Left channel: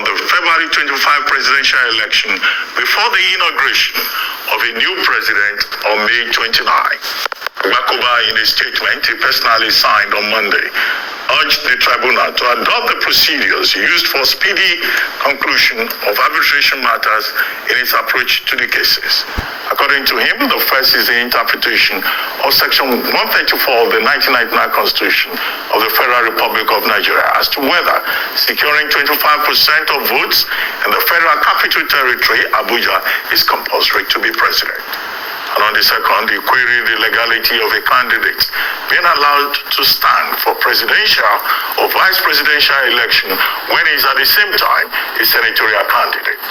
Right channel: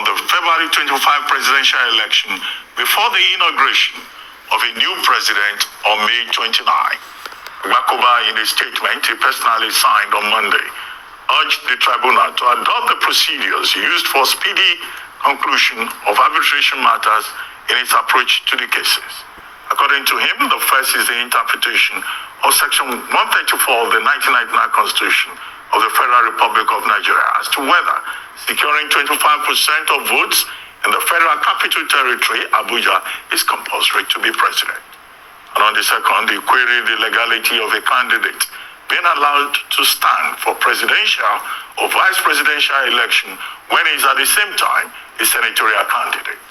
on the February 25 presidential election before the inauguration of a new president on May 29. Agbakoba, in a statement he personally signed on Monday, urged the tribunal to adopt the procedures used for speedy conclusion of arbitration matters in its approach to the cases. According to him, the first is the interpretation of Section 134 of the 1999 Constitution of the Federal Republic of Nigeria as to whether securing 25% of votes in the Federal Capital Territory, Abuja, is compulsory to be president. And on the second, he queried the legality of a candidate being allowed to stand for presidential or vice presidential election when he is at the same time a senatorial candidate.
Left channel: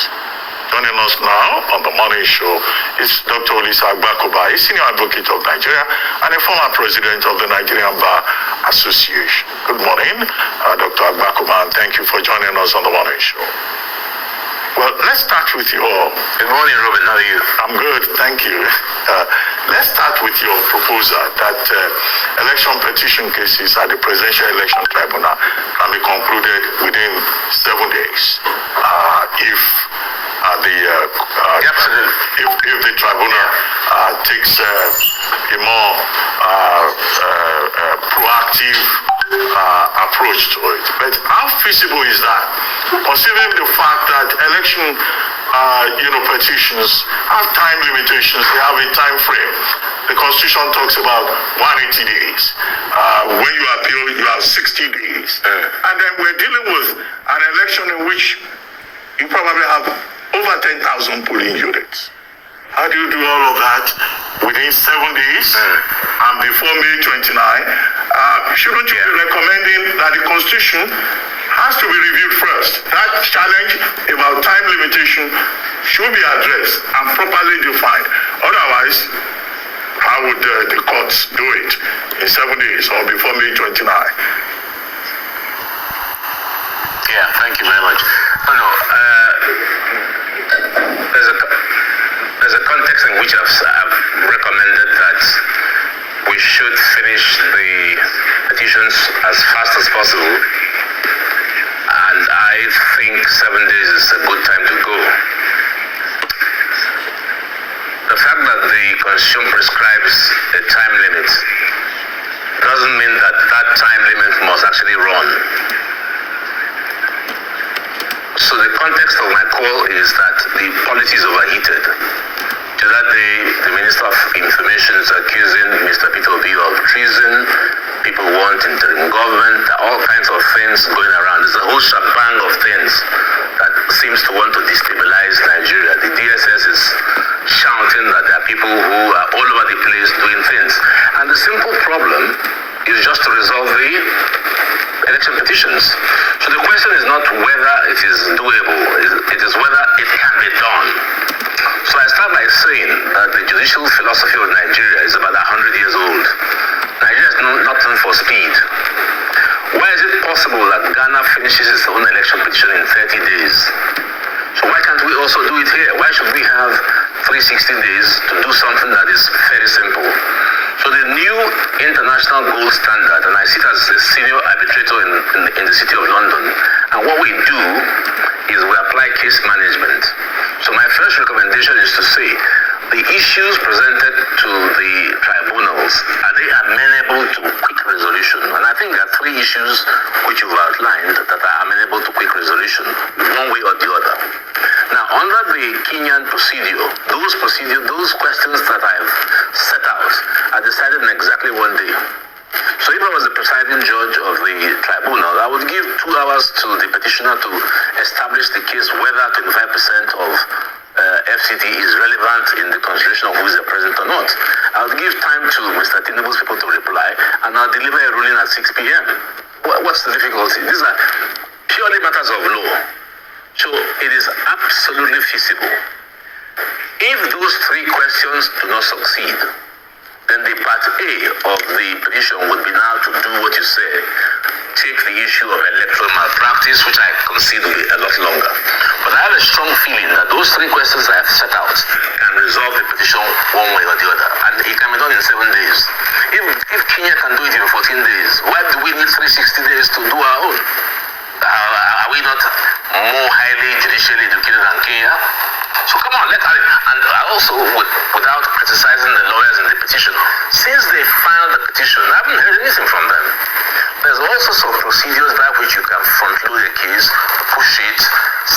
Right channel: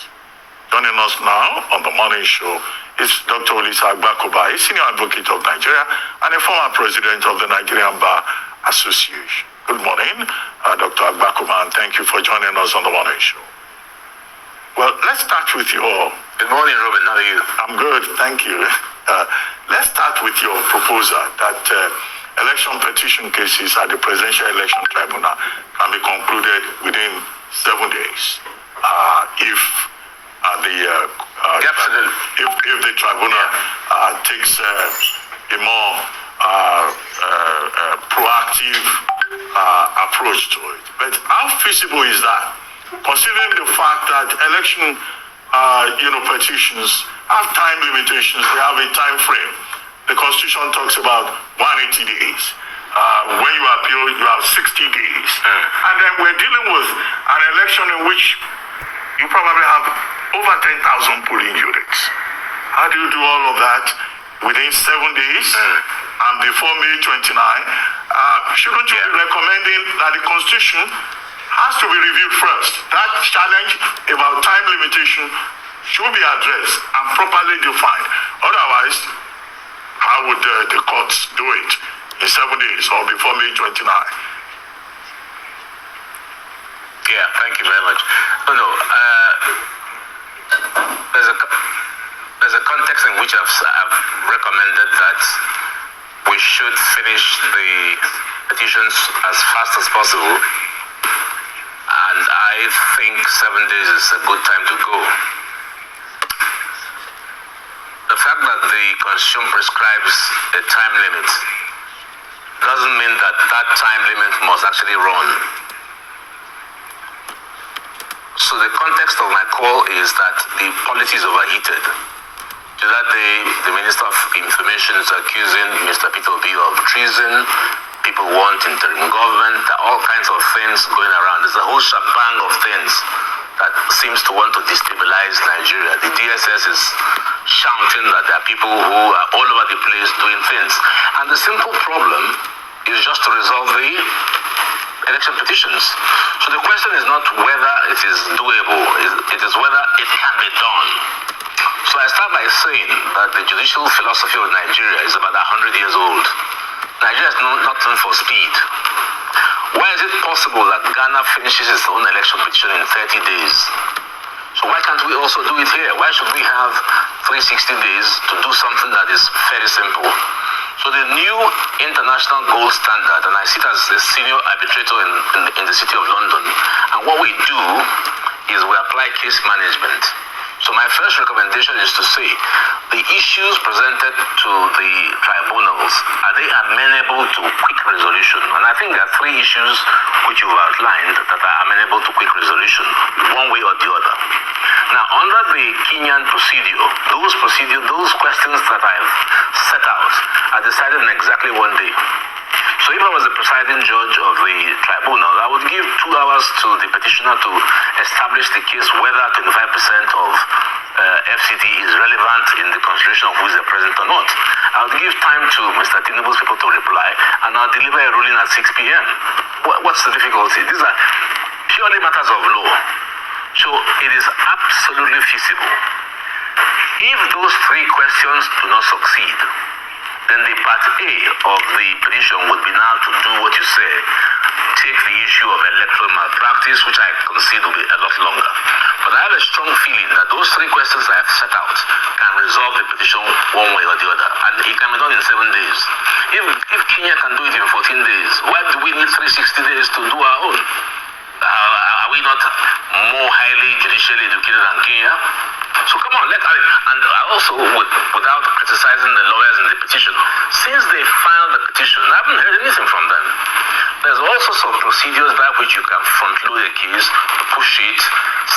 Joining us now on the morning show is Dr. Olisa Agbakoba, a senior advocate of Nigeria and a former president of the Nigerian Bar Association. Good morning, Dr. Agbakoba, and thank you for joining us on the morning show. Well, let's start with your... Good morning, Robert. How are you? I'm good, thank you. Let's start with your proposal that election petition cases at the Presidential Election Tribunal can be concluded within 7 days. If the tribunal takes a more proactive approach to it. But how feasible is that? Considering the fact that election petitions have time limitations, they have a time frame. The Constitution talks about 180 days. When you appeal, you have 60 days. And then we're dealing with an election in which you probably have over 10,000 polling units. How do you do all of that within 7 days and before May 29? Shouldn't you be recommending that the Constitution has to be reviewed first? That challenge about time limitation should be addressed and properly defined. Otherwise, how would the courts do it in 7 days or before May 29? Yeah, thank you very much. There's a context in which I've recommended that we should finish the petitions as fast as possible, and I think 7 days is a good time to go. The fact that the Constitution prescribes a time limit doesn't mean that that time limit must actually run. So the context of my call is that the polity is overheated. The other day, the Minister of Information is accusing Mr. Peter Obi of treason. People want interim government. There are all kinds of things going around. There's a whole shebang of things that seems to want to destabilize Nigeria. The DSS is shouting that there are people who are all over the place doing things. And the simple problem is just to resolve the election petitions. So the question is not whether it is doable, it is whether it can be done. So I start by saying that the judicial philosophy of Nigeria is about 100 years old. Nigeria is not known for speed. Why is it possible that Ghana finishes its own election petition in 30 days? So why can't we also do it here? Why should we have 360 days to do something that is very simple? So the new international gold standard, and I sit as a senior arbitrator in the City of London, and what we do is we apply case management. So my first recommendation is to say, the issues presented to the tribunals, are they amenable to quick resolution? And I think there are 3 issues which you've outlined that are amenable to quick resolution, one way or the other. Now, under the Kenyan procedure, those questions that I've set out are decided in exactly 1 day. So if I was the presiding judge of the tribunal, I would give 2 hours to the petitioner to establish the case whether 25% of FCT is relevant in the consideration of who is the president or not. I would give time to Mr. Tinubu's people to reply, and I'll deliver a ruling at 6 p.m. What's the difficulty? These are purely matters of law. So it is absolutely feasible. If those 3 questions do not succeed, then the part A of the petition would be now to do what you say, take the issue of electoral malpractice, which I concede will be a lot longer. But I have a strong feeling that those 3 questions I have set out can resolve the petition one way or the other. And it can be done in 7 days. If Kenya can do it in 14 days, why do we need 360 days to do our own? Are we not more more highly judicially educated than Kenya. So come on, and I also, without criticizing the lawyers in the petition, since they filed the petition, I haven't heard anything from them. There's all sorts of procedures by which you can front-load a case, push it,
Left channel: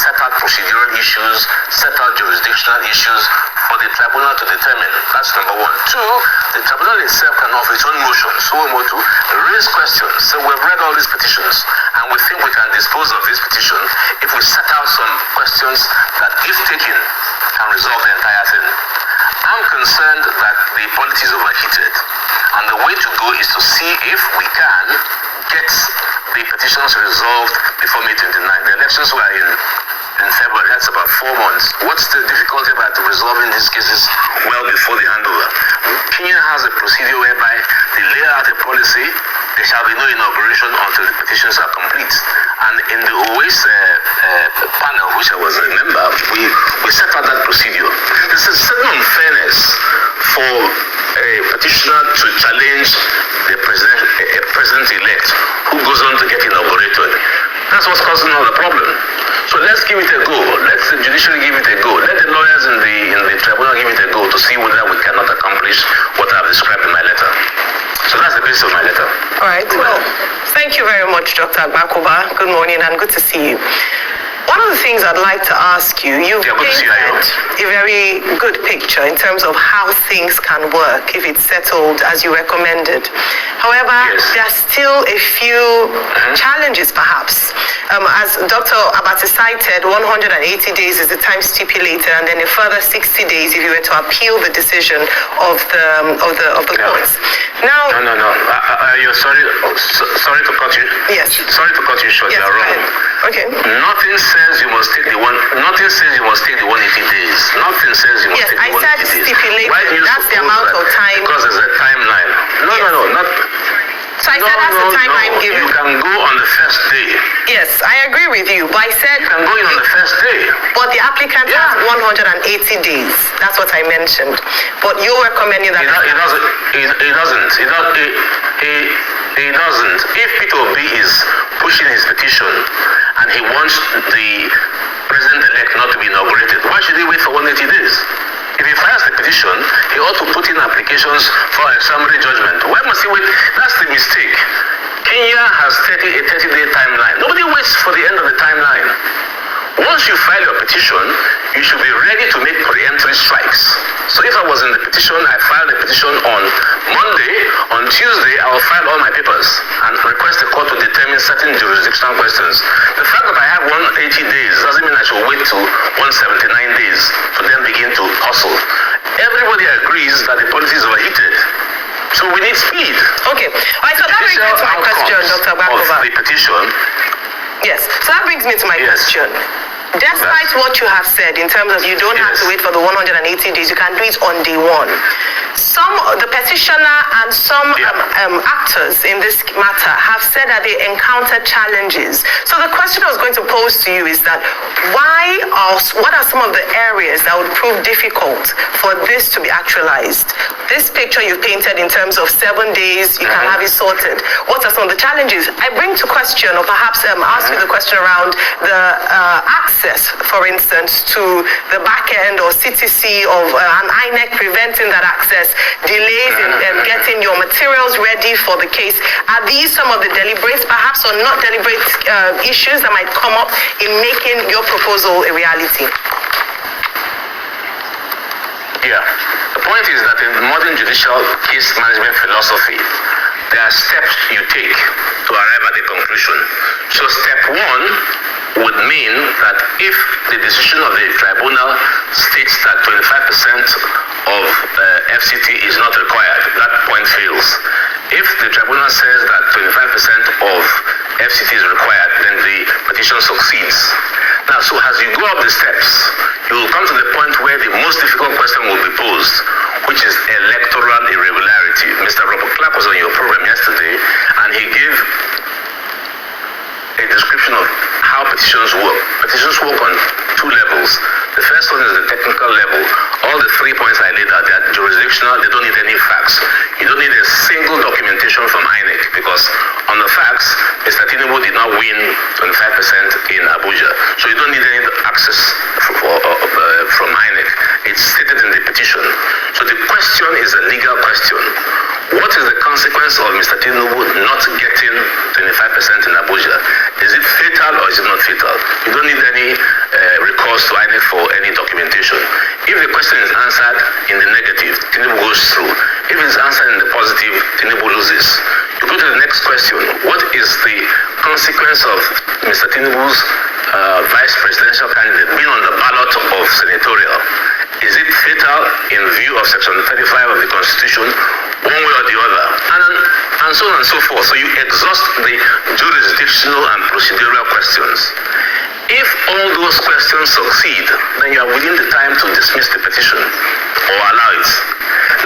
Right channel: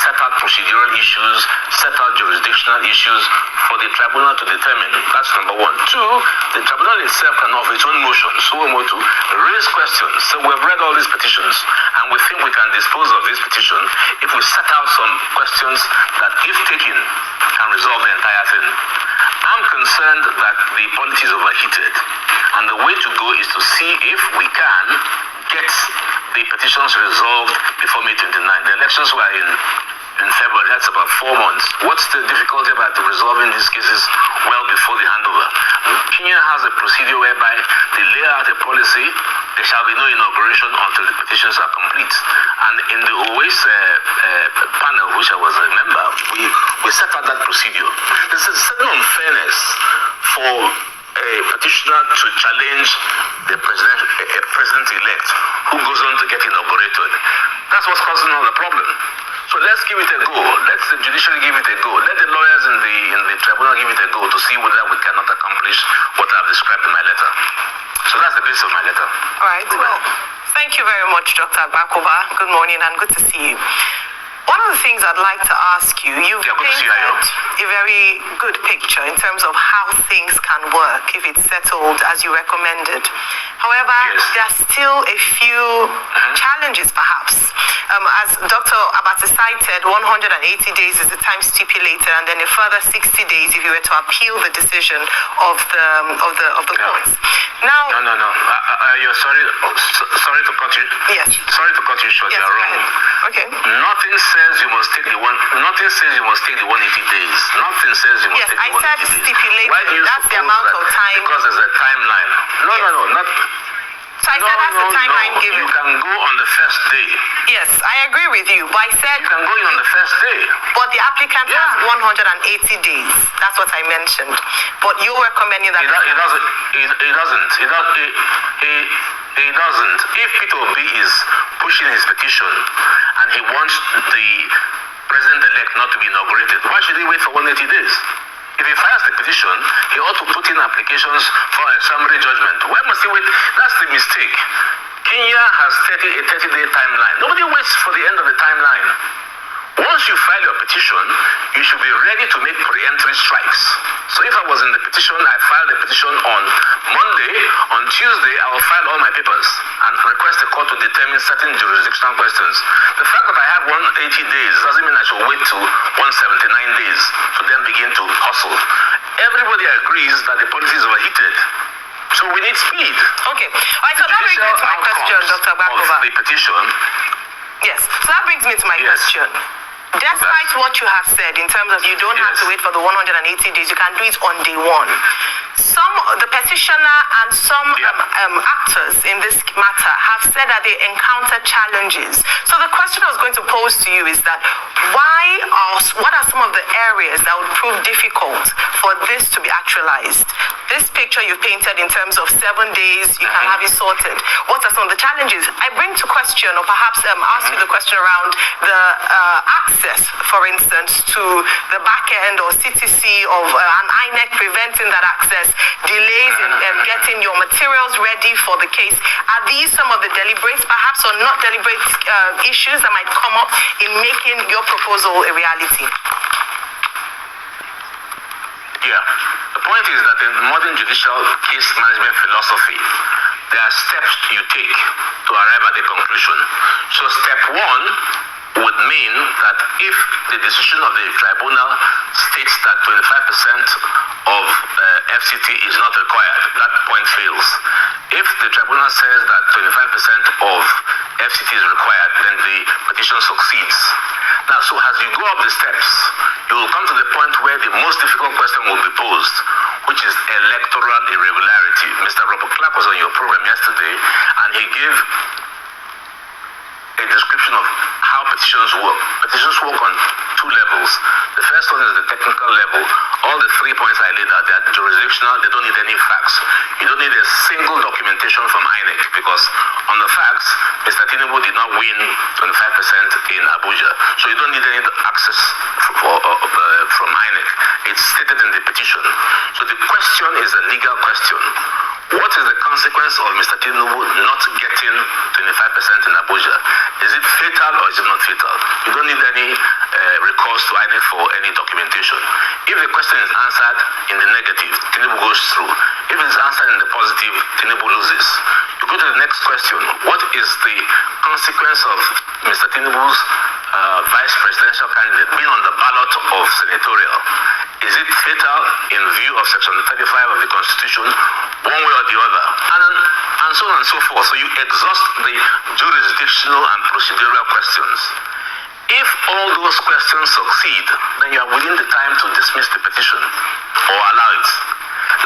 set out procedural issues, set out jurisdictional issues for the tribunal to determine. That's number one. Two, the tribunal itself can offer its own motion, to raise questions. So we've read all these petitions, and we think we can dispose of this petition if we set out some questions that, if taken, can resolve the entire thing. I'm concerned that the politics is overheated, and the way to go is to see if we can get the petitions resolved before May 29. The elections were in February. That's about 4 months. What's the difficulty about resolving these cases well before the handover? Kenya has a procedure whereby they lay out a policy. There shall be no inauguration until the petitions are complete. And in the OAS panel, which I was a member, we set out that procedure. There's a certain unfairness for a petitioner to challenge the president-elect who goes on to get inaugurated. That's what's causing all the problem. So let's give it a go. Let the judiciary give it a go. Let the lawyers in the tribunal give it a go to see whether we cannot accomplish what I've described in my letter. So that's the basis of my letter. All right. Well, thank you very much, Dr. Agbakoba. Good morning and good to see you. One of the things I'd like to ask you, you've painted a very good picture in terms of how things can work if it's settled as you recommended. However, there are still a few challenges perhaps. As Dr. Abati cited, 180 days is the time stipulated, and then a further 60 days if you were to appeal the decision of the courts. Now, no. You're sorry to cut you. Yes. Sorry to cut you short. Yes, you're wrong. Okay. Nothing says you must take the 180 days. Nothing says you must take the 180 days. Yes, I said stipulated. That's the amount of time. Because there's a timeline. No. So I said that's the timeline given. You can go on the first day. Yes, I agree with you. But I said you can go in on the first day. But the applicant has 180 days. That's what I mentioned. But you're recommending that It doesn't. If Peter Obi is pushing his petition and he wants the president-elect not to be inaugurated, why should he wait for 180 days? If he files the petition, he ought to put in applications for a summary judgment. Why must he wait? That's the mistake. Kenya has a 30-day timeline. Nobody waits for the end of the timeline. Once you file your petition, you should be ready to make preemptory strikes. So if I was in the petition, I filed the petition on Monday. On Tuesday, I will file all my papers and request the court to determine certain jurisdictional questions. The fact that I have 180 days doesn't mean I should wait to 179 days to then begin to hustle. Everybody agrees that the policy is overheated. So we need speed. Okay. All right, so that brings me to my question, Dr. Agbakoba. The petition. Yes, so that brings me to my question. Despite what you have said in terms of you don't have to wait for the 180 days, you can do it on day one. The petitioner and some actors in this matter have said that they encountered challenges. So the question I was going to pose to you is that what are some of the areas that would prove difficult for this to be actualized? This picture you painted in terms of 7 days, you can have it sorted. What are some of the challenges? I bring to question, or perhaps ask you the question around the access, for instance, to the back end or CTC of an INEC preventing that access, delays in getting your materials ready for the case. Are these some of the deliberate, perhaps or not deliberate issues that might come up in making your proposal a reality? Yeah. The point is that in modern judicial case management philosophy, there are steps you take to arrive at the conclusion. So step one would mean that if the decision of the tribunal states that 25% of FCT is not required, that point fails. If the tribunal says that 25% of FCT is required, then the petition succeeds. Now, so as you go up the steps, you will come to the point where the most difficult question will be posed, which is electoral irregularity. Mr. Robert Clark was on your program yesterday, and he gave a a description of how petitions work. Petitions work on two levels. The first one is the technical level. All the 3 points I laid out, they are jurisdictional, they don't need any facts. You don't need a single documentation from INEC because on the facts, Mr. Tinubu did not win 25% in Abuja. So you don't need any access from INEC. It's stated in the petition. So the question is a legal question. What is the consequence of Mr. Tinubu not getting 25% in Abuja? Is it fatal or is it not fatal? You don't need any recourse to INEC for any documentation. If the question is answered in the negative, Tinubu goes through. If it's answered in the positive, Tinubu loses. You go to the next question. What is the consequence of Mr. Tinubu's vice presidential candidate being on the ballot of senatorial? Is it fatal in view of Section 35 of the Constitution, one way or the other? And so on and so forth. So you exhaust the jurisdictional and procedural questions. If all those questions succeed, then you are within the time to dismiss the petition or allow it.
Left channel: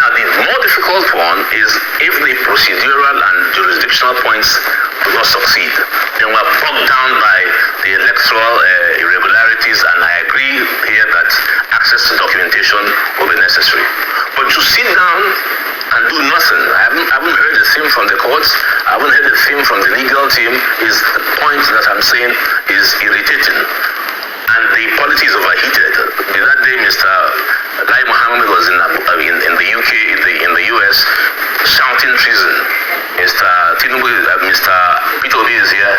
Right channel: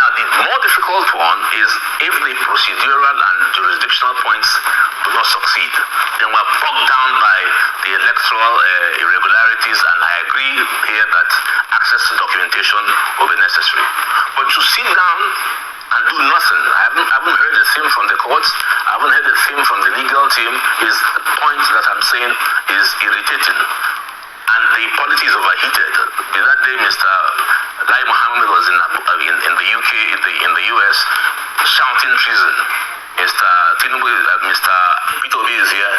Now, the more difficult one is if the procedural and jurisdictional points do not succeed, then we are bogged down by the electoral irregularities, and I agree here that access to documentation will be necessary. But to sit down and do nothing, I haven't heard a thing from the courts, I haven't heard a thing from the legal team, is the point that I'm saying is irritating. And the politics overheated. That day, Mr. Lai Mohammed was in the UK, in the US, shouting treason. Mr. Tinubu, Mr. Peter Obi is here,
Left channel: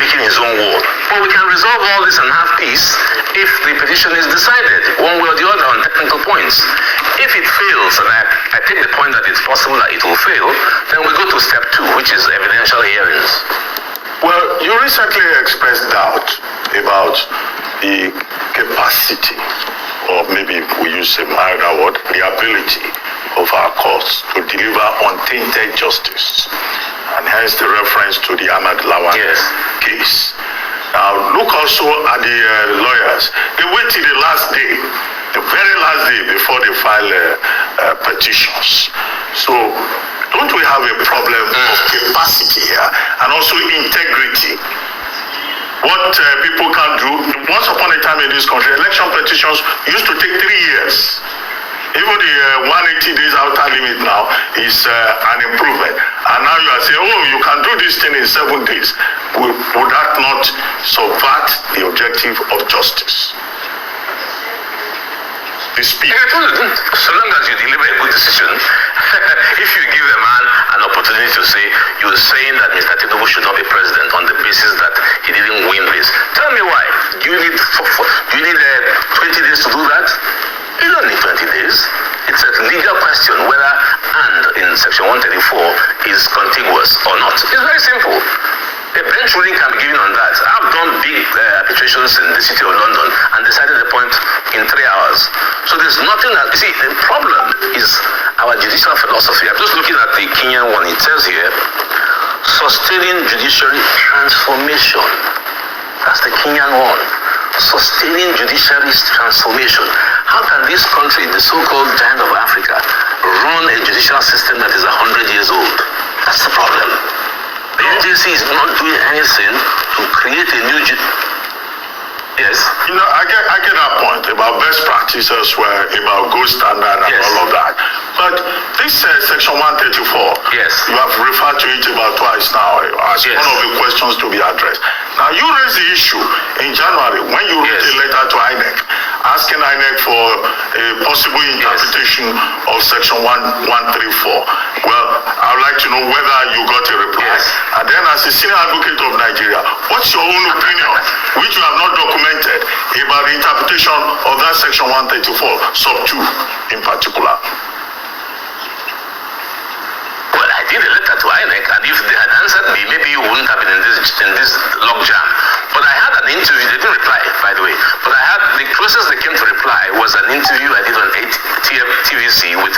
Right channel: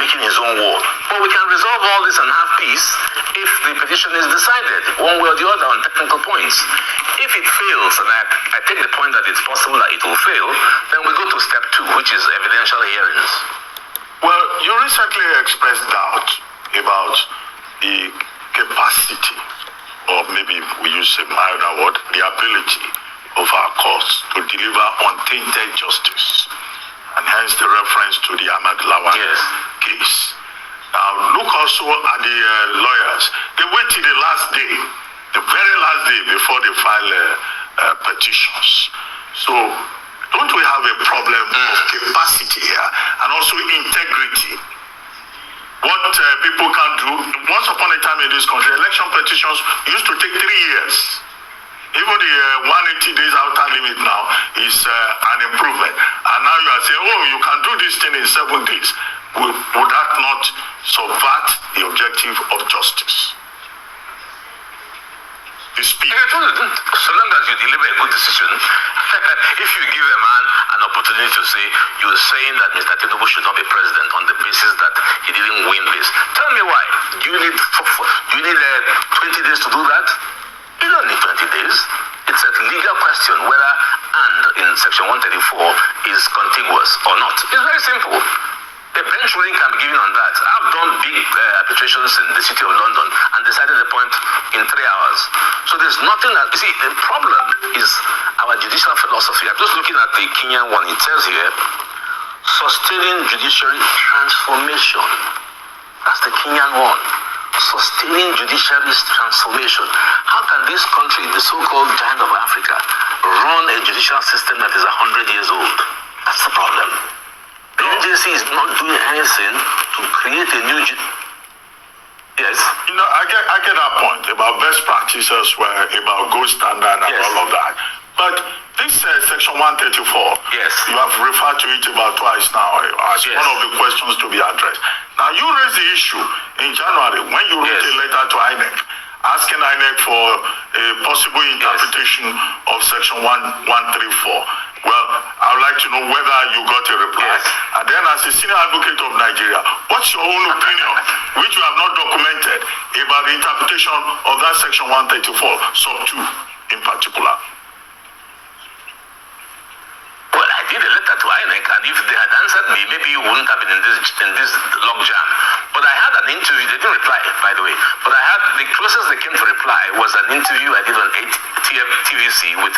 making his own war. But we can resolve all this and have peace if the petition is decided, one way or the other, on technical points. If it fails, and I take the point that it's possible that it will fail, then we go to step 2, which is evidential hearings. Well, you recently expressed doubt about the capacity, or maybe we use a milder word, the ability of our courts to deliver untainted justice, and hence the reference to the Ahmad Lawan case. Now, look also at the lawyers. They wait till the last day, the very last day before they file petitions. So, don't we have a problem of capacity here and also integrity? What people can do, once upon a time in this country, election petitions used to take 3 years. Even the 180 days outer limit now is an improvement. And now you are saying, oh, you can do this thing in 7 days. Would that not subvert the objective of justice? The speed. So long as you deliver a good decision, if you give a man an opportunity to say, you're saying that Mr. Tinubu should not be president on the basis that he didn't win this. Tell me why. Do you need 20 days to do that? You don't need 20 days. It's a legal question whether and in Section 134 is contiguous or not. It's very simple. A bench ruling can be given on that. I've done big arbitrations in the city of London and decided the point in 3 hours. So there's nothing that, you see, the problem is our judicial philosophy. I'm just looking at the Kenyan one. It says here, sustaining judiciary transformation. That's the Kenyan one. Sustaining judiciary transformation. How can this country, the so-called giant of Africa, run a judicial system that is 100 years old? That's the problem. The NJC is not doing anything to create a new Yes. You know, I get that point about best practices, about gold standard and all of that. But this Section 134, you have referred to it about twice now as one of the questions to be addressed. Now, you raised the issue in January when you wrote a letter to INEC asking INEC for a possible interpretation of Section 134. Well, I would like to know whether you got a reply. And then as a senior advocate of Nigeria, what's your own opinion, which you have not documented, about the interpretation of that Section 134, sub 2 in particular? Well, I did a letter to INEC, and if they had answered me, maybe you wouldn't have been in this logjam. But I had an interview. They didn't reply, by the way. But the closest they came to reply was an interview I did on TVC with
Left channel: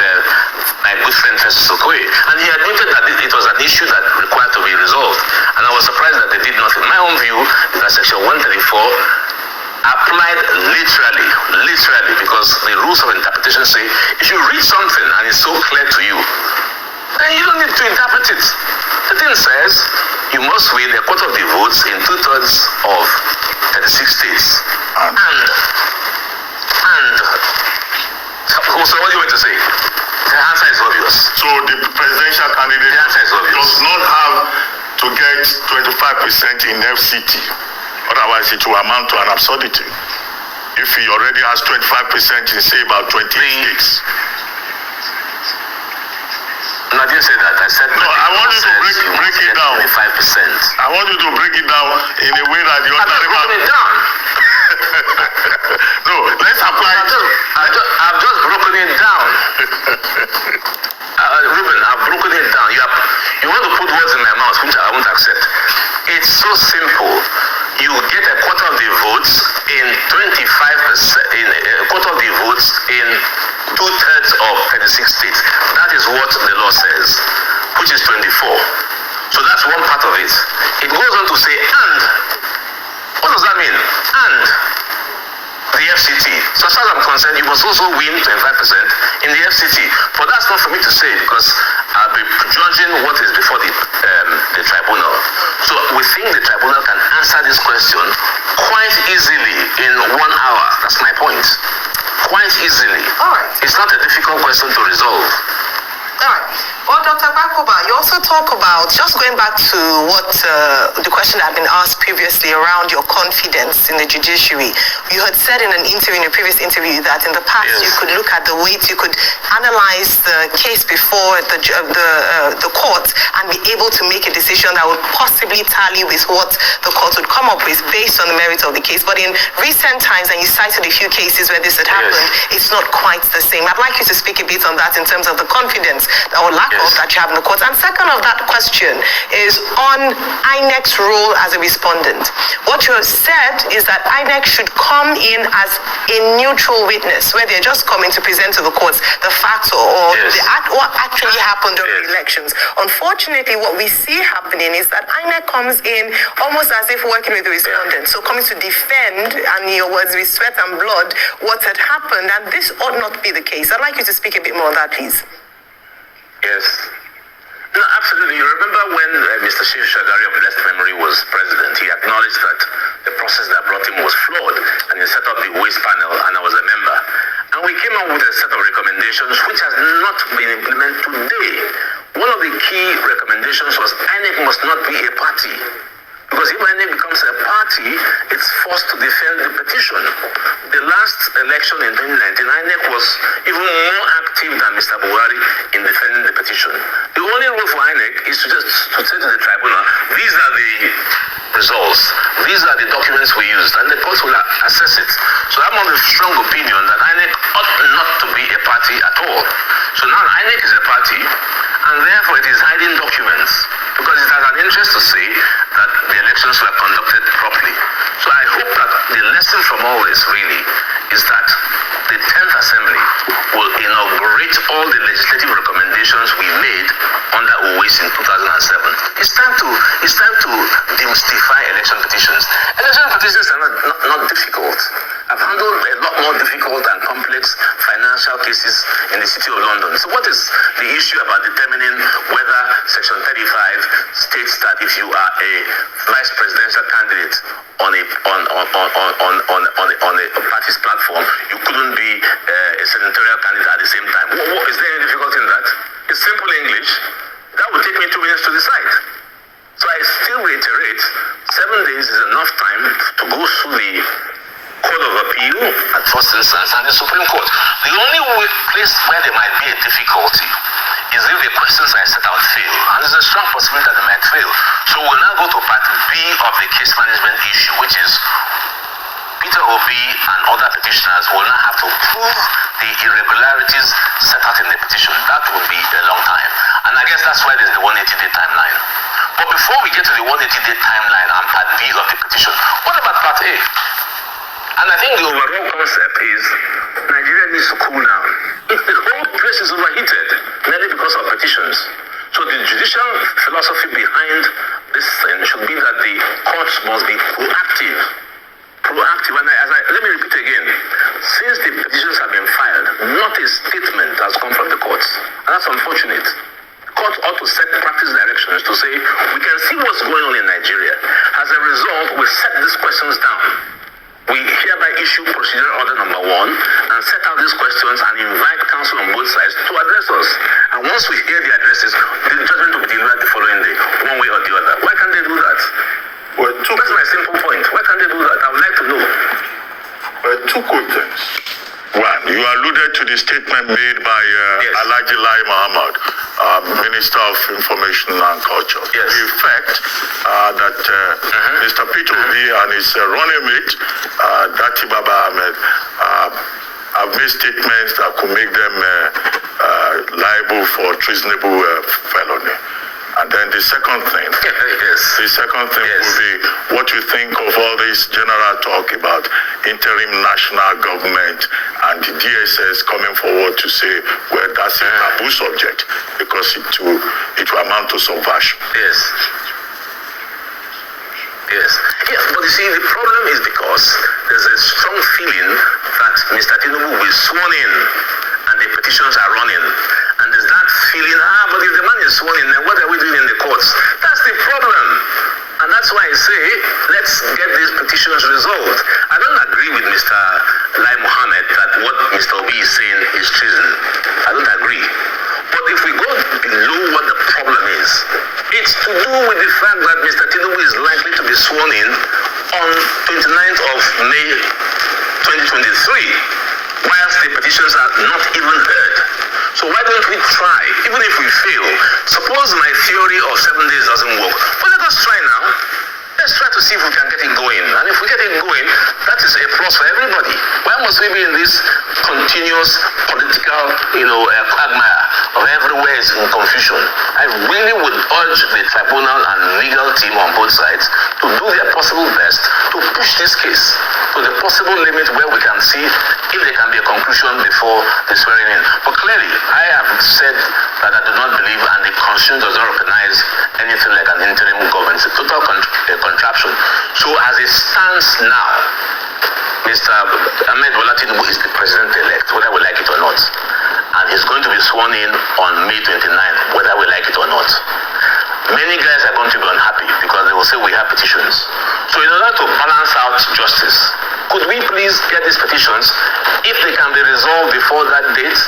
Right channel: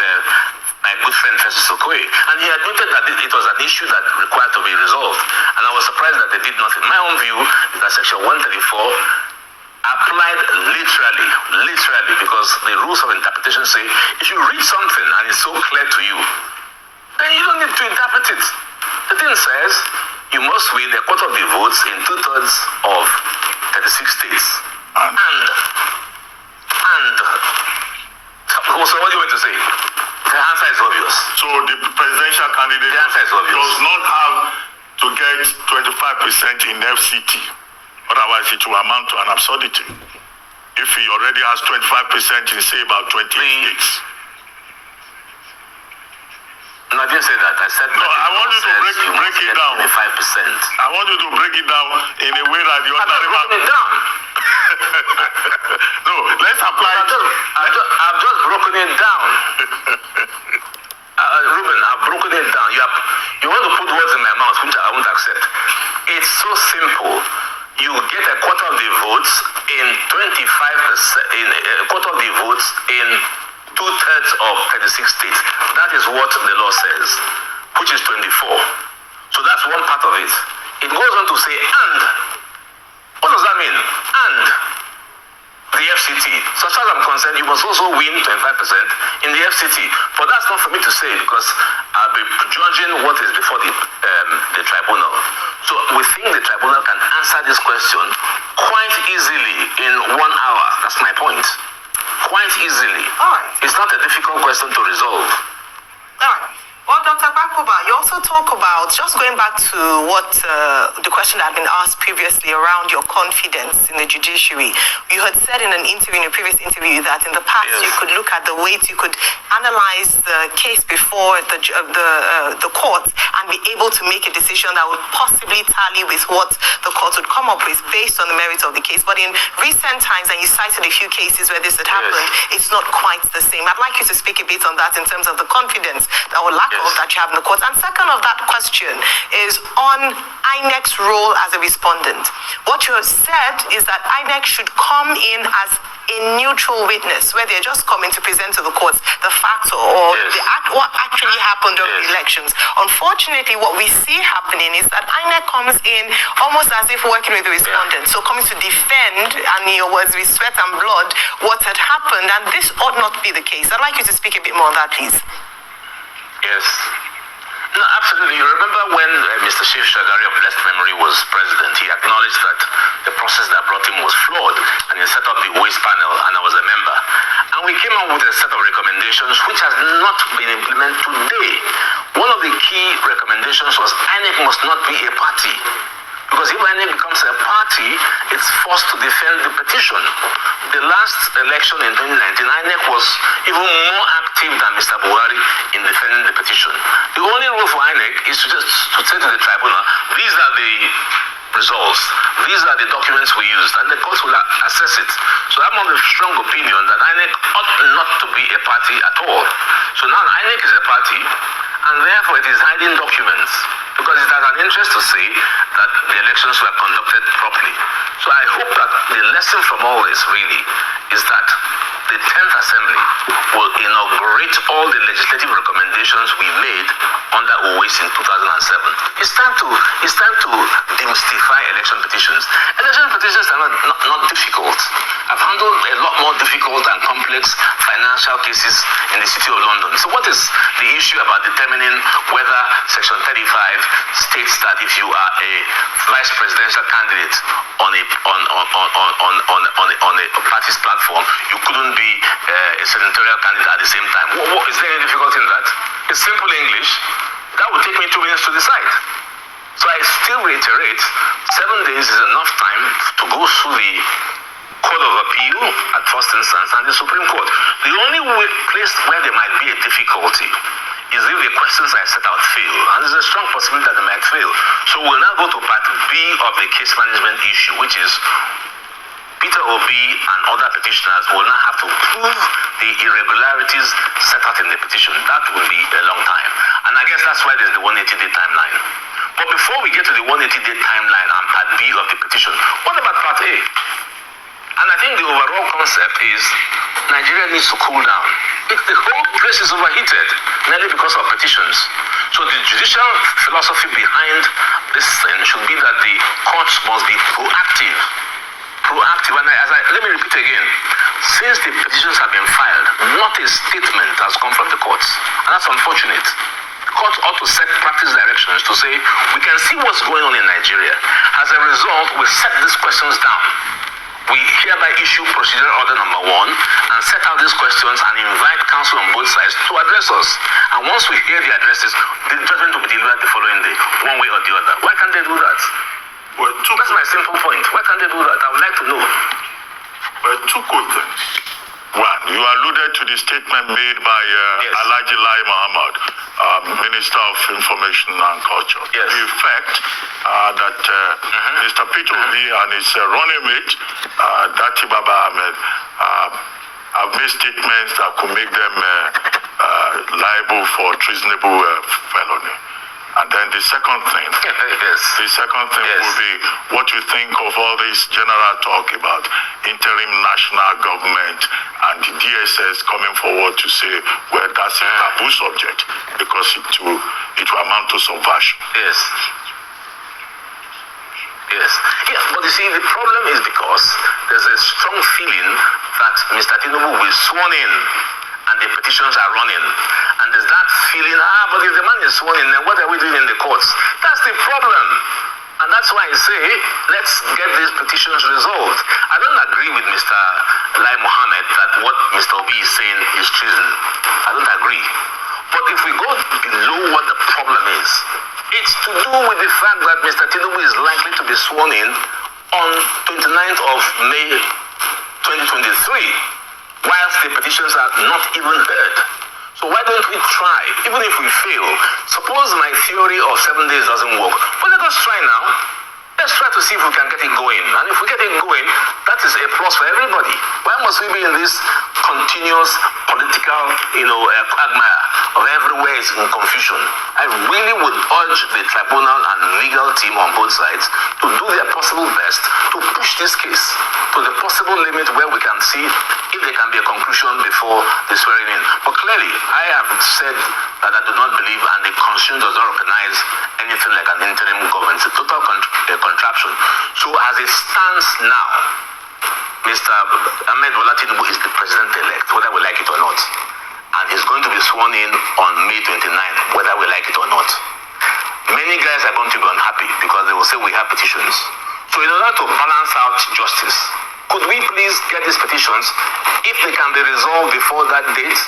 my good friend Festus Okoye, and he admitted that it was an issue that required to be resolved. And I was surprised that they did nothing. My own view is that Section 134 applied literally, because the rules of interpretation say if you read something and it's so clear to you, then you don't need to interpret it. The thing says you must win a quarter of the votes in 2/3 of 36 states. And so what do you want to say? The answer is obvious. So the presidential candidate does not have to get 25% in FCT. Otherwise, it will amount to an absurdity. If he already has 25% in, say, about 20 states. No, I didn't say that. I said no. I want you to break it down. 25%. I want you to break it down in a way that the other. I've broken it down. No, let's apply it. I've just broken it down. Ruben, I've broken it down. You want to put words in my mouth, which I won't accept. It's so simple. You get a quarter of the votes in 25%, in a quarter of the votes in 2/3 of 36 states. That is what the law says, which is 24. So that's one part of it. It goes on to say, and. What does that mean? And the FCT. So as far as I'm concerned, you must also win 25% in the FCT. But that's not for me to say because I'll be judging what is before the tribunal. So we think the tribunal can answer this question quite easily in 1 hour. That's my point. Quite easily. All right. It's not a difficult question to resolve. All right. Well, Dr. Bakoba, you also talk about, just going back to what the question that had been asked previously around your confidence in the judiciary. You had said in a previous interview, that in the past you could look at the weight, you could analyze the case before the court and be able to make a decision that would possibly tally with what the court would come up with based on the merits of the case. But in recent times, and you cited a few cases where this had happened, it's not quite the same. I'd like you to speak a bit on that in terms of the confidence or lack of that you have in the court. And second of that question is on INEC's role as a respondent. What you have said is that INEC should come in as a neutral witness, where they're just coming to present to the courts the facts or what actually happened during the elections. Unfortunately, what we see happening is that INEC comes in almost as if working with the respondent, so coming to defend, and in your words, with sweat and blood, what had happened, and this ought not be the case. I'd like you to speak a bit more on that, please. Yes. No, absolutely. You remember when Mr. Shiv Shagari of blessed memory was president, he acknowledged that the process that brought him was flawed, and he set up the waste panel, and I was a member. And we came up with a set of recommendations which has not been implemented today. One of the key recommendations was INEC must not be a party. Because if INEC becomes a party, it's forced to defend the petition. The last election in 2019, INEC was even more active than Mr. Buhari in defending the petition. The only role for INEC is to just say to the tribunal, these are the results, these are the documents we used, and the court will assess it. So I'm of the strong opinion that INEC ought not to be a party at all. So now INEC is a party, and therefore it is hiding documents, because it has an interest to say that the elections were conducted properly. So I hope that the lesson from all this really is that the 10th Assembly will inaugurate all the legislative recommendations we made under OAS in 2007. It's time to demystify election petitions. Election petitions are not difficult. I've handled a lot more difficult and complex financial cases in the City of London. So what is the issue about determining whether Section 35 states that if you are a vice presidential candidate on a party's platform, you couldn't be a senatorial candidate at the same time? Is there any difficulty in that? It's simple English. That would take me 2 minutes to decide. So I still reiterate, 7 days is enough time to go through the Court of Appeal at first instance and the Supreme Court. The only place where there might be a difficulty is if the questions I set out fail, and there's a strong possibility that they might fail. So we'll now go to part B of the case management issue, which is Peter Obi and other petitioners will now have to prove the irregularities set out in the petition. That will be a long time. And I guess that's why there's the 180-day timeline. But before we get to the 180-day timeline and part B of the petition, what about part A? And I think the overall concept is Nigeria needs to cool down. The whole place is overheated, mainly because of petitions. So the judicial philosophy behind this thing should be that the courts must be proactive. And let me repeat again. Since the petitions have been filed, not a statement has come from the courts. And that's unfortunate. The court ought to set practice directions to say, we can see what's going on in Nigeria. As a result, we set these questions down. We hereby issue procedure order number 1 and set out these questions and invite counsel on both sides to address us. And once we hear the addresses, the judgment will be delivered the following day, one way or the other. Why can't they do that? Well, that's my simple point. Why can't they do that? I would like to know. Well, 2 quick things. One, you alluded to the statement made by Alhaji Lai Mohammed, Minister of Information and Culture. Yes. The effect that Mr. Peter Obi and his running mate, Dati Baba Ahmed, have made statements that could make them liable for treasonable felony. And then the second thing, will be what you think of all this general talk about interim national government and the DSS coming forward to say, well, that's a taboo subject because it will amount to subversion. Yes. But you see, the problem is because there's a strong feeling that Mr. Tinubu will be sworn in and the petitions are running. And there's that feeling, but if the man is sworn in, then what are we doing in the courts? That's the problem. And that's why I say, let's get these petitions resolved. I don't agree with Mr. Lai Mohammed that what Mr. Obi is saying is treason. I don't agree. But if we go below what the problem is, it's to do with the fact that Mr. Tinubu is likely to be sworn in on 29th of May 2023, whilst the petitions are not even heard. So why don't we try, even if we fail? Suppose my theory of 7 days doesn't work. But let us try now. Let's try to see if we can get it going. And if we get it going, that is a plus for everybody. Why must we be in this continuous political, quagmire of everywhere is in confusion? I really would urge the tribunal and legal team on both sides to do their possible best to push this case to the possible limit where we can see if there can be a conclusion before the swearing in. But clearly, I have said that I do not believe, and the Constitution does not recognize anything like an interim government. It's a total contraption. So as it stands now, Mr. Ahmed Bola Tinubu is the president-elect, whether we like it or not. And he's going to be sworn in on May 29th, whether we like it or not. Many guys are going to be unhappy because they will say we have petitions. So in order to balance out justice, could we please get these petitions, if they can be resolved before that date,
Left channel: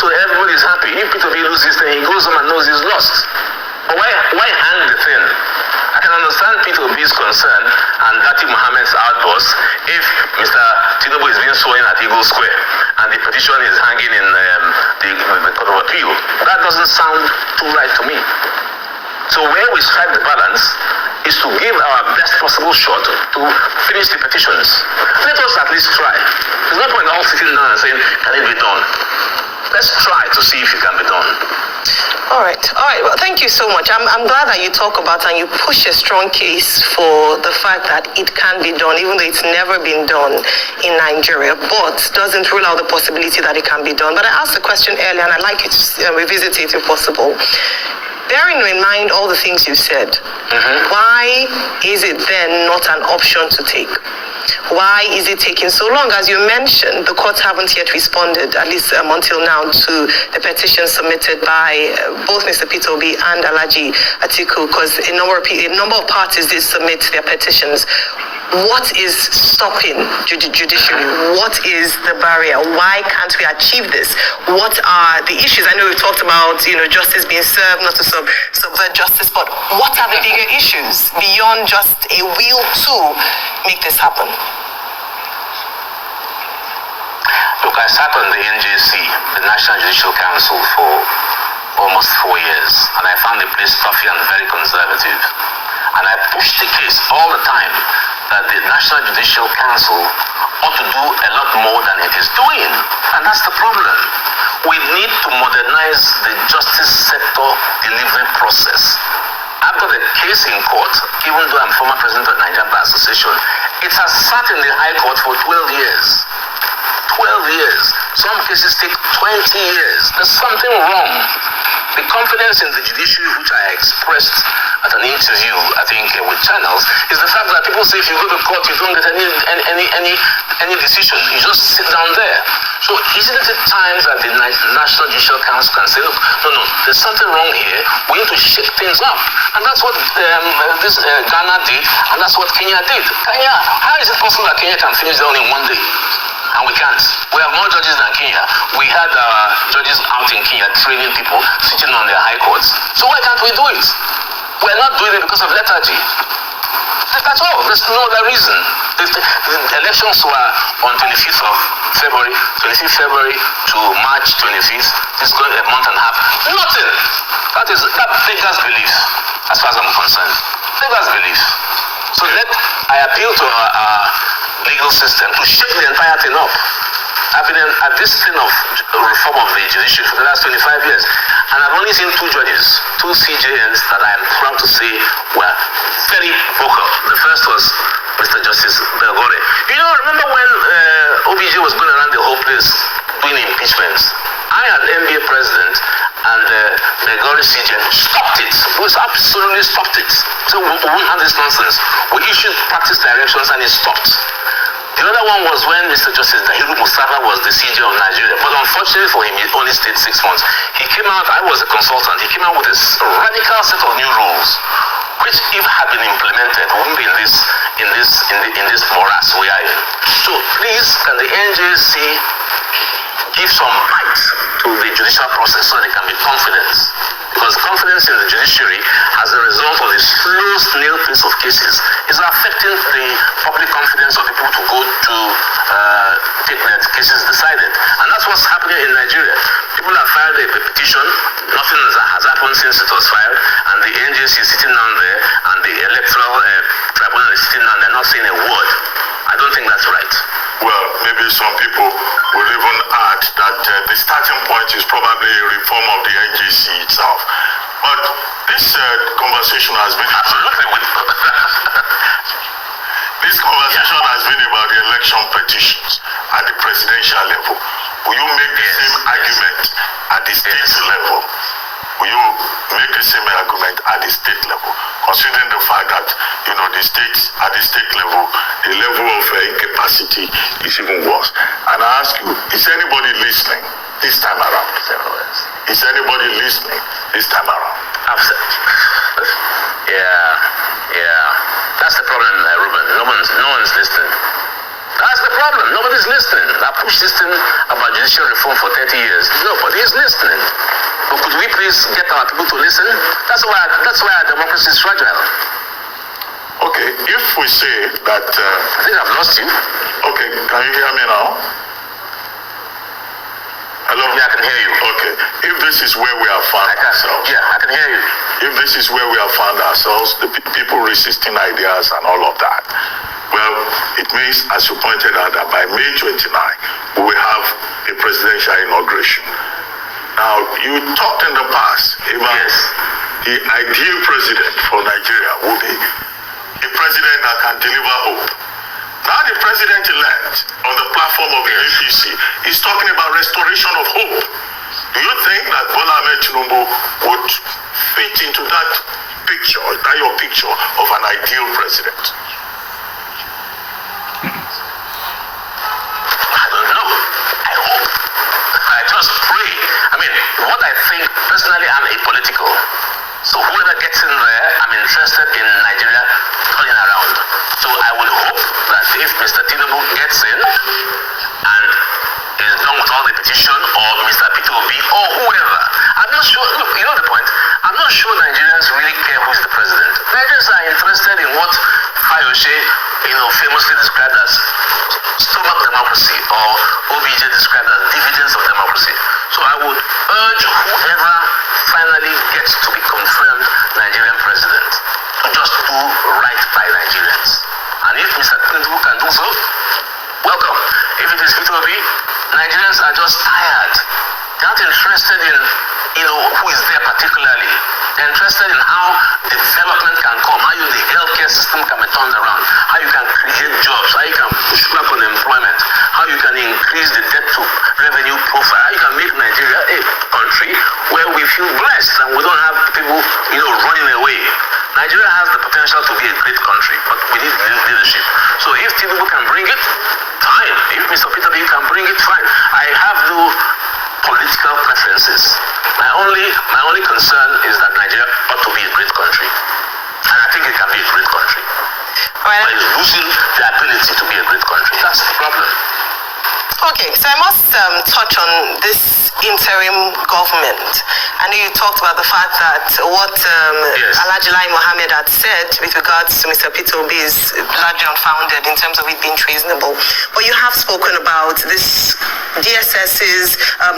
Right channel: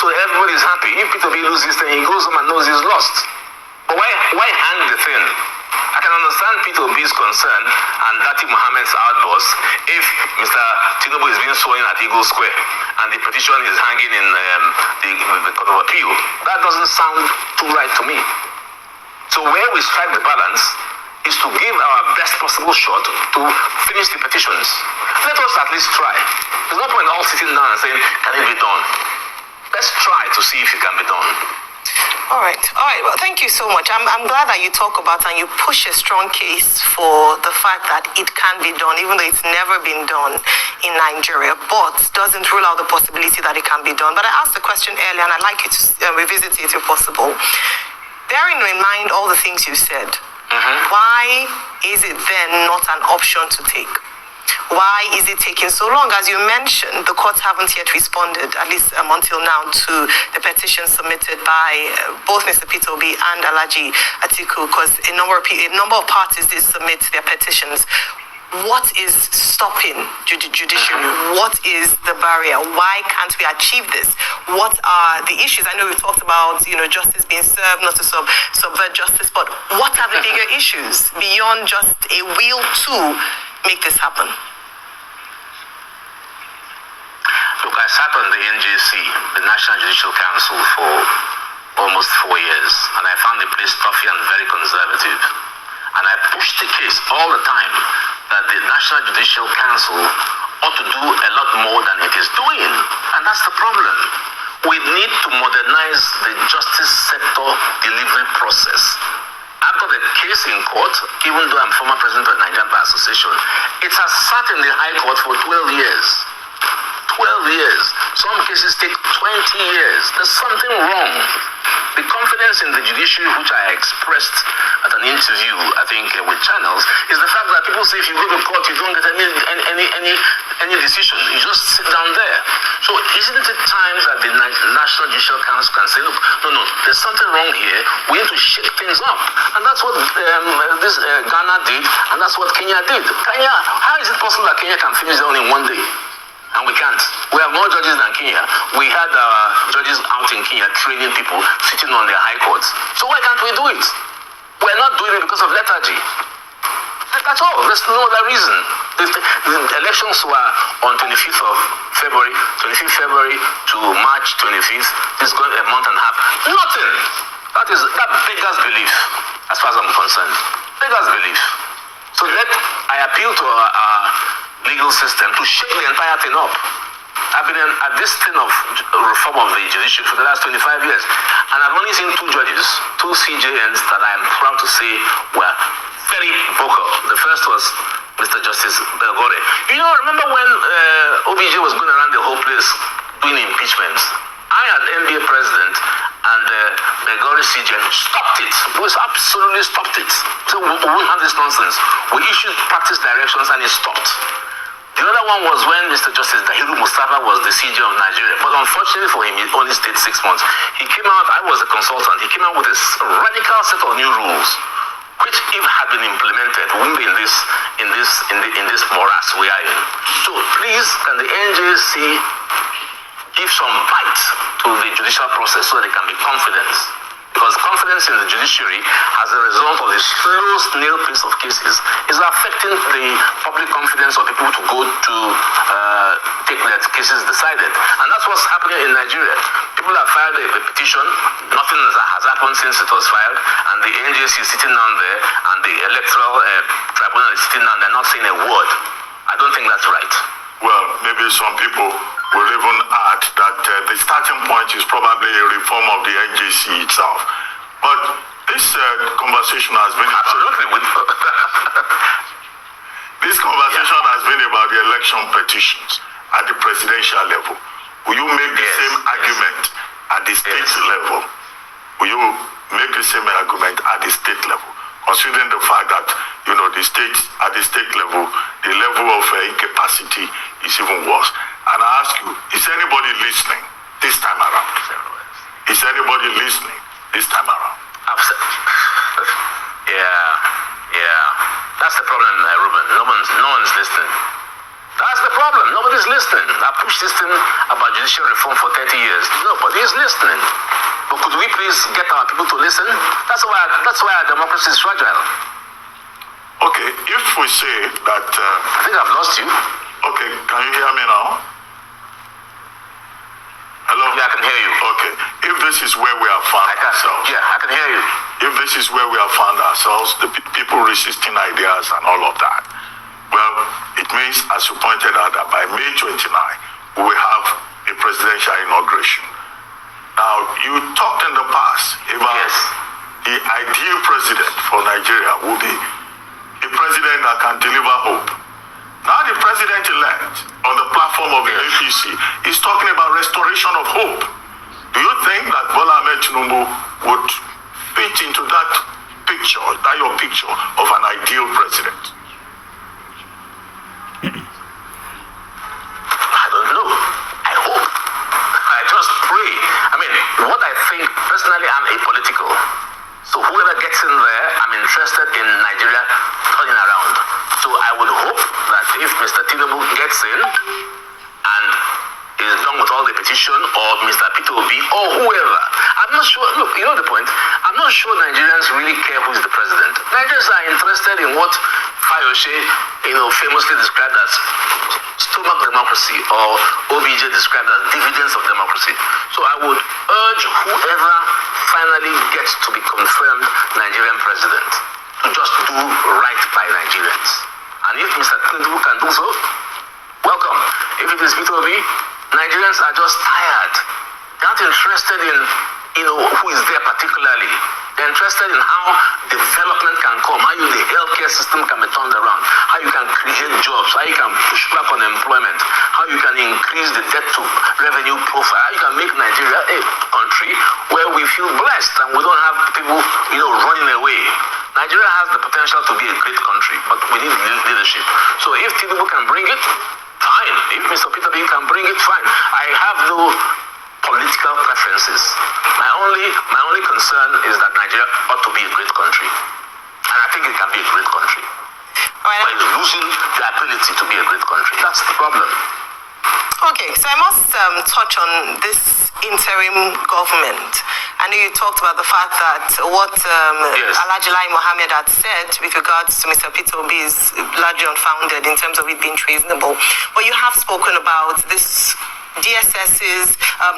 so everybody is happy? If Peter B loses, then he goes home and knows he's lost. But why hang the thing? I can understand Peter B's concern and Dati Mohammed's outburst if Mr. Tinubu is being sworn in at Eagle Square and the petition is hanging in the Court of Appeal. That doesn't sound too right to me. So where we strike the balance is to give our best possible shot to finish the petitions. Let us at least try. There's no point all sitting down and saying, can it be done? Let's try to see if it can be done. All right. Well, thank you so much. I'm glad that you talk about and you push a strong case for the fact that it can be done, even though it's never been done in Nigeria, but doesn't rule out the possibility that it can be done. But I asked the question earlier, and I'd like you to revisit it if possible. Bearing in mind all the things you said, why is it then not an option to take? Why is it taking so long? As you mentioned, the courts haven't yet responded, at least until now, to the petition submitted by both Mr. Peter Obi and Alhaji Atiku, because a number of parties did submit their petitions. What is stopping judiciary? What is the barrier? Why can't we achieve this? What are the issues? I know we've talked about, justice being served, not to subvert justice, but what are the bigger issues beyond just a will to make this happen? Look, I sat on the NJC, the National Judicial Council, for almost 4 years, and I found the place toughy and very conservative. And I pushed the case all the time that the National Judicial Council ought to do a lot more than it is doing. And that's the problem. We need to modernize the justice sector delivery process. After the case in court, even though I'm former president of the Nigerian Bar Association, it has sat in the High Court for 12 years. 12 years. Some cases take 20 years. There's something wrong. The confidence in the judiciary, which I expressed at an interview, I think, with channels, is the fact that people say if you go to court, you don't get any decision. You just sit down there. So isn't it time that the National Judicial Council can say, look, no, there's something wrong here. We need to shake things up. And that's what Ghana did, and that's what Kenya did. Kenya, how is it possible that Kenya can finish that in one day? And we can't. We have more judges than Kenya. We had our judges out in Kenya training people, sitting on their high courts. So why can't we do it? We're not doing it because of lethargy. That's all. There's no other reason. The elections were on 25th of February, 25th February to March 25th. It's going a month and a half. Nothing. That beggars belief, as far as I'm concerned. Beggars belief. So I appeal to our legal system to shake the entire thing up. I've been at this thing of reform of the judiciary for the last 25 years, and I've only seen two judges, two CJNs that I am proud to say were very vocal. The first was Mr. Justice Belgore. Remember when OBJ was going around the whole place doing impeachments? I, as NBA president, and Belgore CJN stopped it. It was absolutely stopped it. So we wouldn't have this nonsense. We issued practice directions and it stopped. The other one was when Mr. Justice Dahiru Mustafa was the CJ of Nigeria. But unfortunately for him, he only stayed 6 months. He came out, I was a consultant, he came out with a radical set of new rules, which if had been implemented, wouldn't be in this morass we are in. So please, can the NJC give some bite to the judicial process so there can be confidence? Because confidence in the judiciary as a result of the slow snail pace of cases is affecting the public confidence of people to go to take their cases decided. And that's what's happening in Nigeria. People have filed a petition, nothing has happened since it was filed, and the NJC is sitting down there, and the electoral tribunal is sitting down, they're not saying a word. I don't think that's right. Well, maybe some people will even add that the starting point is probably a reform of the NJC itself. But this conversation has been this conversation has been about the election petitions at the presidential level. Will you make the same argument at the state level? Will you make the same argument at the state level, considering the fact that the states at the state level, the level of incapacity is even worse? And I ask you, is anybody listening this time around? Is anybody listening this time around? Yeah. That's the problem, Ruben. No one's listening. That's the problem. Nobody's listening. I pushed this thing about judicial reform for 30 years. Nobody's listening. But could we please get our people to listen? That's why our democracy is fragile. Okay, if we say that... I think I've lost you. Okay, can you hear me now? Hello? Yeah, I can hear you. Okay, if this is where we have found ourselves... Yeah, I can hear you. If this is where we have found ourselves, the people resisting ideas and all of that, well, it means, as you pointed out, that by May 29, we will have a presidential inauguration. Now, you talked in the past about the ideal president for Nigeria would be a president that can deliver hope. Now, the president-elect on the platform of the APC is talking about restoration of hope. Do you think that Bola Ahmed Tinubu would fit into that picture, your picture of an ideal president? I don't know. I hope. I just pray. I mean, what I think, personally, I'm apolitical. So whoever gets in there, I'm interested in Nigeria turning around. So I would hope that if Mr. Tinubu gets in and is done with all the petition, or Mr. Peter Obi, or whoever, I'm not sure. Look, you know the point. I'm not sure Nigerians really care who is the president. Nigerians are interested in what Fayose, famously described as stomach democracy, or OBJ described as dividends of democracy. So I would urge whoever finally gets to be confirmed Nigerian president to just do right by Nigerians. And if Mr. Tinubu can do so, welcome. If it is Peter Obi, Nigerians are just tired. They're not interested in who is there particularly. They're interested in how development can come, how the healthcare system can be turned around, how you can create jobs, how you can push back on employment, how you can increase the debt to revenue profile, how you can make Nigeria a country where we feel blessed and we don't have people, running away. Nigeria has the potential to be a great country, but we need leadership. So if Tinubu can bring it, fine. If Mr. Peter B can bring it, fine. I only concern is that Nigeria ought to be a great country. And I think it can be a great country. Well, But it's losing the ability to be a great country. That's the problem. okay, so I must touch on this interim government. I know you talked about the fact that what Yes. Alhaji Lai Mohammed had said with regards to Mr. Peter Obi is largely unfounded in terms of it being treasonable. But you have spoken about this DSS's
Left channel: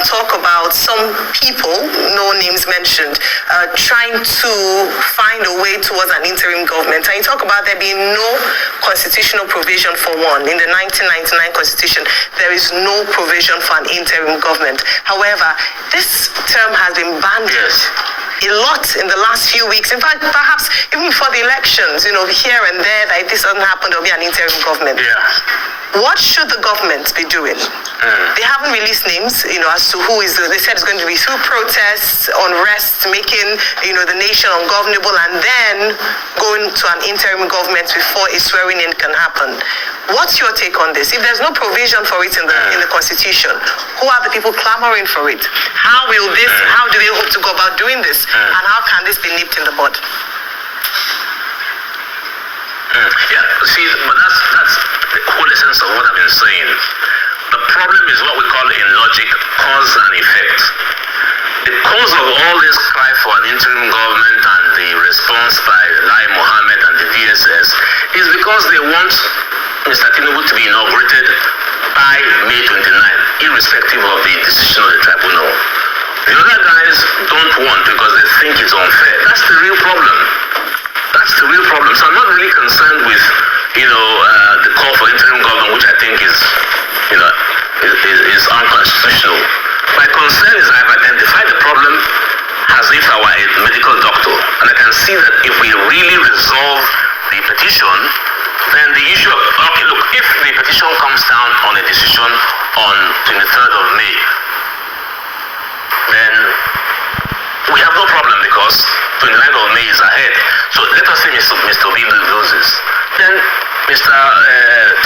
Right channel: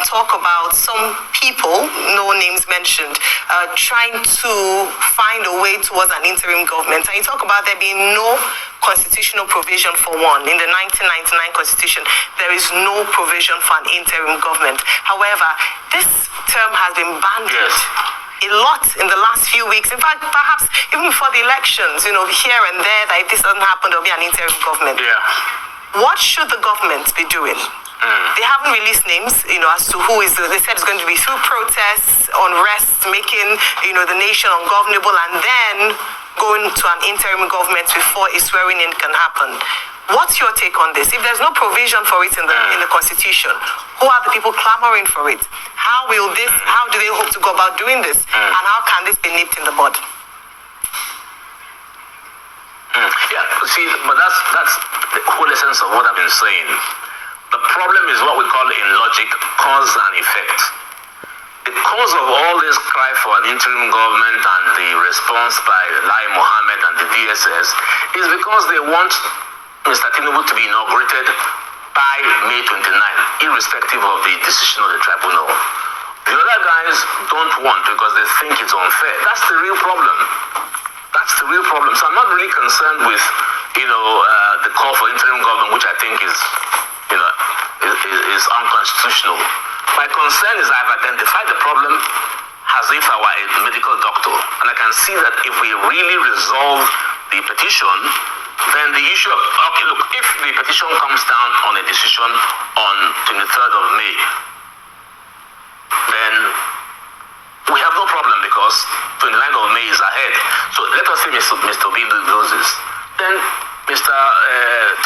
talk about some people, no names mentioned, trying to find a way towards an interim government. And you talk about there being no constitutional provision for one. In the 1999 Constitution, there is no provision for an interim government. However, this term has been banded a lot in the last few weeks. In fact, perhaps even before the elections, here and there, that if this doesn't happen, there'll be an interim government. Yeah. What should the government be doing? They haven't released names, as to who is. They said it's going to be through protests, unrest, making, the nation ungovernable, and then going to an interim government before a swearing in can happen. What's your take on this? If there's no provision for it in the Constitution, who are the people clamoring for it? How do they hope to go about doing this? And how can this be nipped in the bud? Yeah, see, but that's the whole essence of what I've been saying. The problem is what we call in logic cause and effect. The cause of all this cry for an interim government and the response by Lai Mohammed and the DSS is because they want Mr. Tinubu to be inaugurated by May 29, irrespective of the decision of the tribunal. The other guys don't want because they think it's unfair. That's the real problem. That's the real problem. So I'm not really concerned with, the call for interim government, which I think is unconstitutional. My concern is I've identified the problem as if I were a medical doctor. And I can see that if we really resolve the petition, then the issue of, if the petition comes down on a decision on 23rd of May, then we have no problem because 29th of May is ahead. So let us say Mr. Obi loses. Then Mr.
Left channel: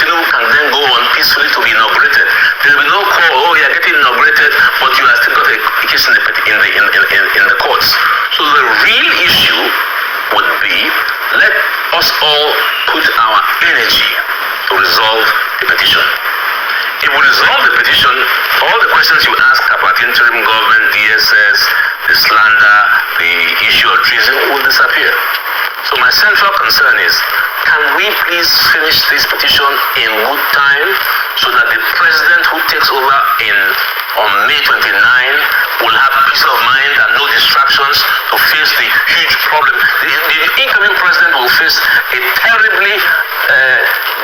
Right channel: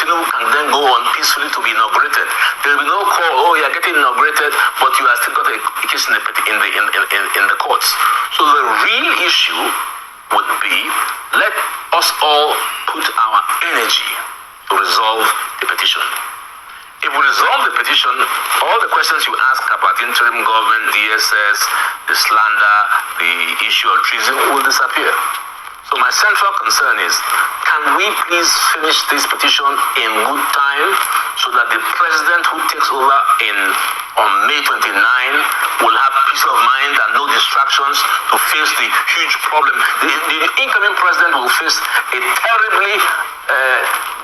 Tinubu can then go on peacefully to be inaugurated. There will be no call, you are getting inaugurated, but you are still got a case in the courts. So the real issue would be, let us all put our energy to resolve the petition. If we resolve the petition, all the questions you ask about interim government, DSS, the slander, the issue of treason will disappear. So my central concern is, can we please finish this petition in good time so that the president who takes over on May 29 will have peace of mind and no distractions to face the huge problem. The incoming president will face a terribly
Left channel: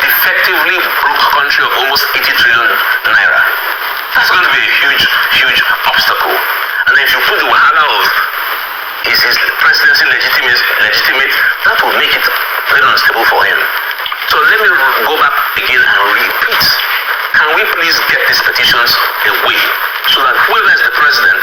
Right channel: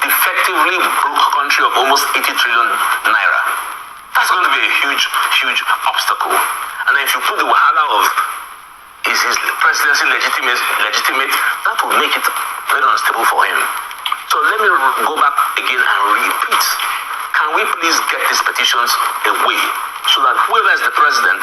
defectively broke country of almost 80 trillion naira. That's going to be a huge, huge obstacle. And then if you put the wahala of is his presidency legitimate, that will make it very unstable for him. So let me go back again and repeat. Can we please get these petitions away so that whoever is the president